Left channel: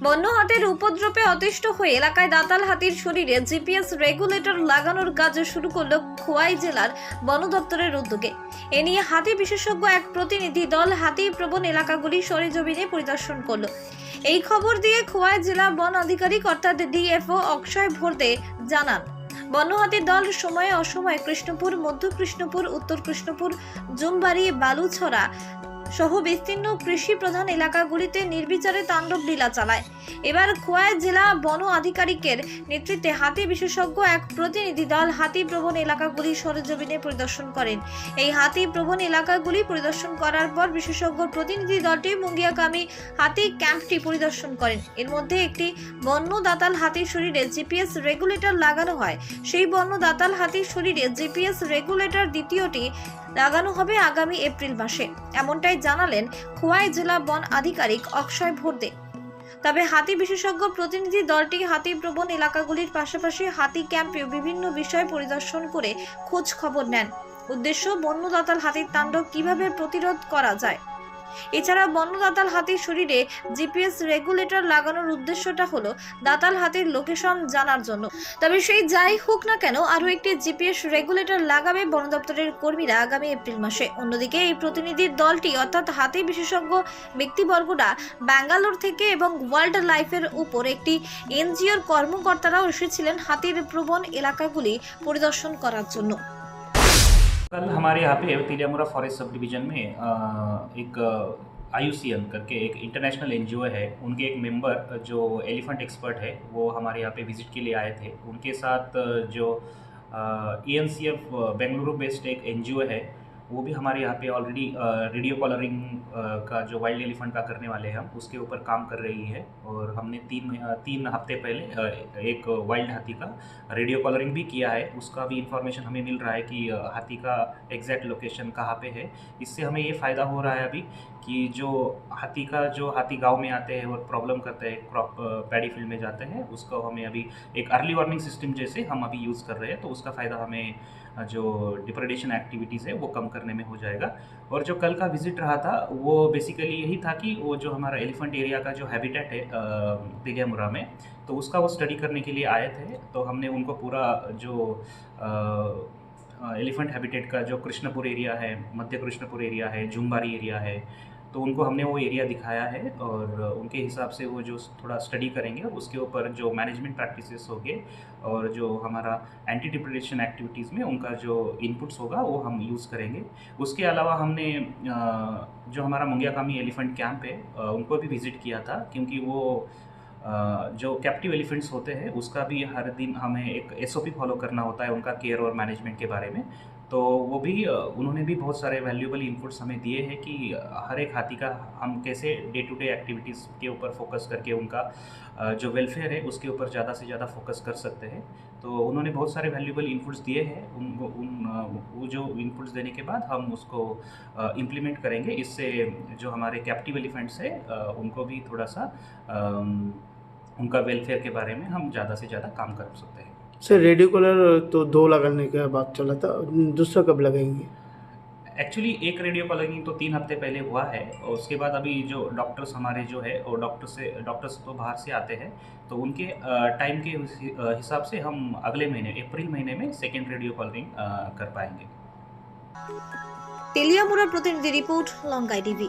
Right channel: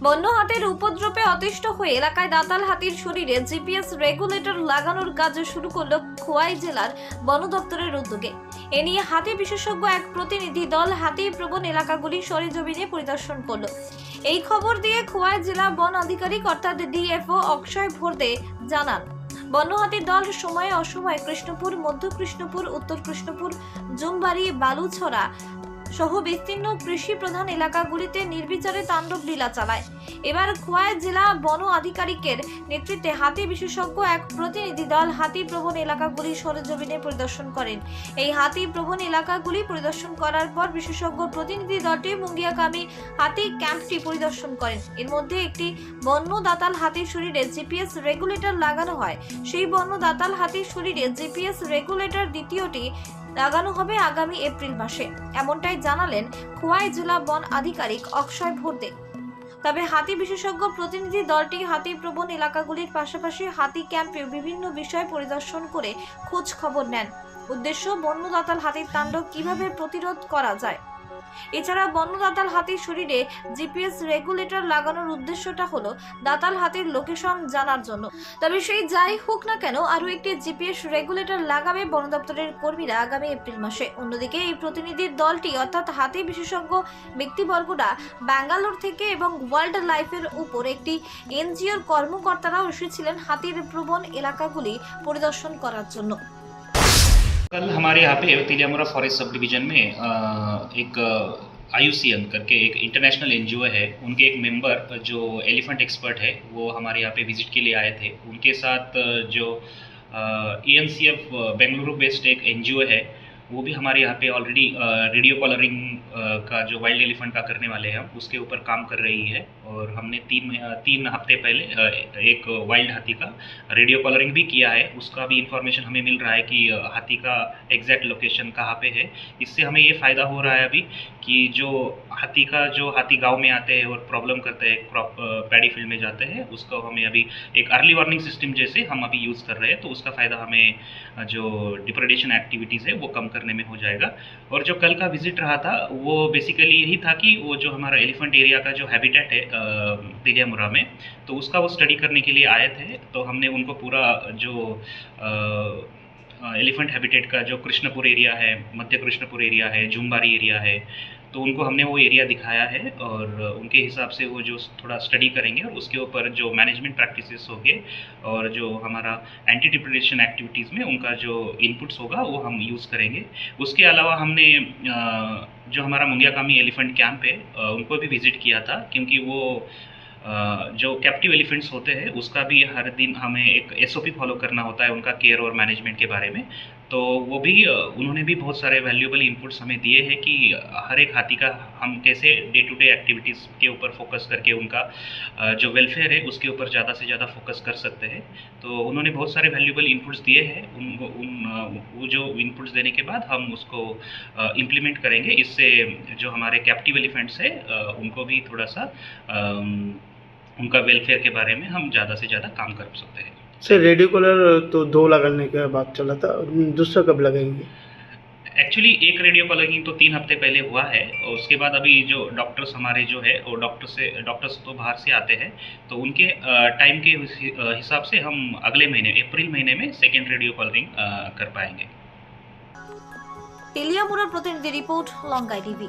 বন্য হাতির উপদ্রবে অতিষ্ঠ হয়ে এলাকায় দাতাল হাতির শরীরে জিপিএস রেগুলেটর লাগানোর কাজ শুরু করল খোয়াই জেলার বন দপ্তরের উদ্যোগে। এ নিয়ে হাতি বিশেষজ্ঞ এক প্রতিনিধি দল হাতি প্রবণ এলাকাগুলি সরেজমিনে পরিদর্শন করল। এই খবর দিয়ে খোয়াই জেলা বন আধিকারিক অর্থাৎ ডিএফও অক্ষয় ভোরদে জানান, বন্য হাতির দল সময়ে অসময়ে কৃষ্ণপুর, মধ্য কৃষ্ণপুর, উত্তর কৃষ্ণপুর, জুমবাড়ি, বালুছড়া সহ বিস্তীর্ণ কৃষি প্রধান এলাকাগুলিতে নির্বিচারে তাণ্ডব লীলা চালায়। এবার খোয়াই জেলা বন আধিকারিকের নেতৃত্বে হাতি বিশেষজ্ঞ এক প্রতিনিধি দল হাতি প্রবণ এলাকাগুলি সরেজমিনে পরিদর্শন করেন। এই হাতি প্রবণ এলাকাগুলি পরিদর্শন করার পর বিশেষজ্ঞ প্রতিনিধি দলটি মুঙ্গিয়াকামী হাতি ক্যাম্পটি পরিদর্শন করেন। এর মধ্যে একটি বন্য দাতাল হাতির শরীরে জিপিএস রেগুলেটর লাগানো হয়। সেই বন্য দাতাল হাতির শরীরে জিপিএস রেগুলেটর দ্বিতীয়টি লাগানো হবে আগামী এপ্রিল মাসে, এমনটাই জানালেন খোয়াই জেলা বন আধিকারিক অক্ষয় ভোরদে। তবে হাতি বিশেষজ্ঞ প্রতিনিধি দলটি হাতি প্রবণ এলাকাগুলির পাশাপাশি হাতি ক্যাম্পে বিভিন্ন বিষয় পরিদর্শন করে খোঁজ খবর নেন। উদ্দেশ্য, বন্য দাতাল হাতির তাণ্ডব কিভাবে প্রতিরোধ করা যায়। এছাড়া বন্য দাতাল হাতির শরীরে জিপিএস রেগুলেটর লাগানোর উদ্দেশ্যটা হলো দাতাল হাতির লোকেশন জানার জন্য। তবে সেই যাই হোক না কেন, আরও একটি জিপিএস রেগুলেটর লাগাবে বন দপ্তরের কর্মীরা আগামী এপ্রিল মাসে। অন্যদিকে এই প্রতিনিধির দলটি অর্থাৎ হাতি বিশেষজ্ঞ ব্যক্তিবর্গরা ব্যাঙ্গালোর থেকে এবং ওয়াইল্ড লাইফের উপর একটি এনজিওর কর্মকর্তারাও এসেছিলেন হাতির প্রবণ এলাকাগুলি পরিদর্শন করার জন্য। कल हमारे यहाँ पे तिलियामुरा फॉरेस्ट सब डिवीज़न में एक IUCN करके एक इंटरनेशनल एनजीओ है, उनके एक मेंबर जो एलिफेंट एक्सपर्ट है वो हमारे यहाँ पे विज़िट के लिए आए थे। उनके साथ जो ENCF बेंगलुरु बेस्ड एक एनजीओ है वो भी हमारे यहाँ पे ऑलरेडी रेडियो कॉलरिंग का जो वाइल्ड एलिफेंट का करने वाले हैं हम उसके ऊपर काम कर रही है। और हमने तीन हफ्ते पहले एक वाइल्ड हाथी का रेडियो कॉलरिंग भी किया है। उसका भी इंफॉर्मेशन हमें मिल रहा है कि हाथी का एग्जैक्ट लोकेशन कहाँ पे है। इससे हमें ये फ़ायदा हो रहा है अभी कि जो हाथी गांव में आते हैं और प्रॉब्लम करते हैं, क्रॉप पैडी फील्ड में जाते हैं, उसको हमें अभी एक अर्ली वार्निंग सिस्टम जैसे हम अभी यूज़ कर रहे हैं। तो उसका फ़ायदा हमें जो डिप्रेडेशन एक्टिविटीज़ है वो कम करने में हो जाएगा। और जो कल का विज़िट रहा था वो बेसिकली यही था कि वो जो हमारा एलिफेंट एरिया का जो हैबिटेट है तिलियामुरा में, तो उसका वो स्टडी करने के लिए आए थे। तो हमने उनको पूरा जो एलिफेंट हैबिटेट का जो कृष्णपुर एरिया है, मध्य कृष्णपुर एरिया है, जुमबारी एरिया है, तो उनको हमने वो एरिया दिखाया है और उनके हिसाब से वो जो थोड़ा स्टडी करेंगे और उसके ऊपर जो मैनेजमेंट प्रैक्टिसेस होंगे और जो हमारा एंटी डिप्रेडेशन एक्टिविटीज़ में उनका जो इनपुट्स होगा वो हम यूज़ करेंगे। उसके अलावा हमने जो हमारा मुंगियाकामी एलिफेंट कैंप है उनको भी विज़िट किया था, क्योंकि वो जो कैप्टिव एलिफेंट्स होते हैं उसका भी हर दिन हमें एक SOP फॉलो करना होता है उनका केयर और मैनेजमेंट के बारे में। तो वो भी उन्होंने भी बहुत सारे वैल्यूएबल इनपुट्स हमें दिए हैं कि हर एक हाथी का हम कैसे डे टू डे एक्टिविटीज़ के ऊपर फोकस करके उनका जो वेलफेयर है उसके ऊपर ज़्यादा से ज़्यादा फोकस कर सकते हैं। तो उन्होंने बहुत सारे वैल्यूएबल इनपुट्स दिए हैं। वो जो इनपुट्स देने के बाद हम उसको इम्प्लीमेंट करेंगे। इससे जो हमारे कैप्टिव एलिफेंट्स है उनको भी थोड़ा सा उनका वेलफेयर के बारे में हम ज़्यादा से ज़्यादा काम कर सकते हैं। सर, रेडियो कॉलर तो 2 लगाने का बात चला था, दूसरा कब लगाएंगे? एक्चुअली एक रेडियो कॉलरिंग तो 3 हफ्ते पहले हुआ है और उसके बाद अभी जो डॉक्टर्स हमारे जो है और डॉक्टर्स तो बाहर से आते हैं, तो उनके टाइम के हिसाब से हम अगले महीने अप्रैल महीने में सेकेंड रेडियो कॉलरिंग कर पाएंगे। তেলিয়ামুড়ার প্রতিনিধি রিপোর্ট, লঙ্কাই টিভি।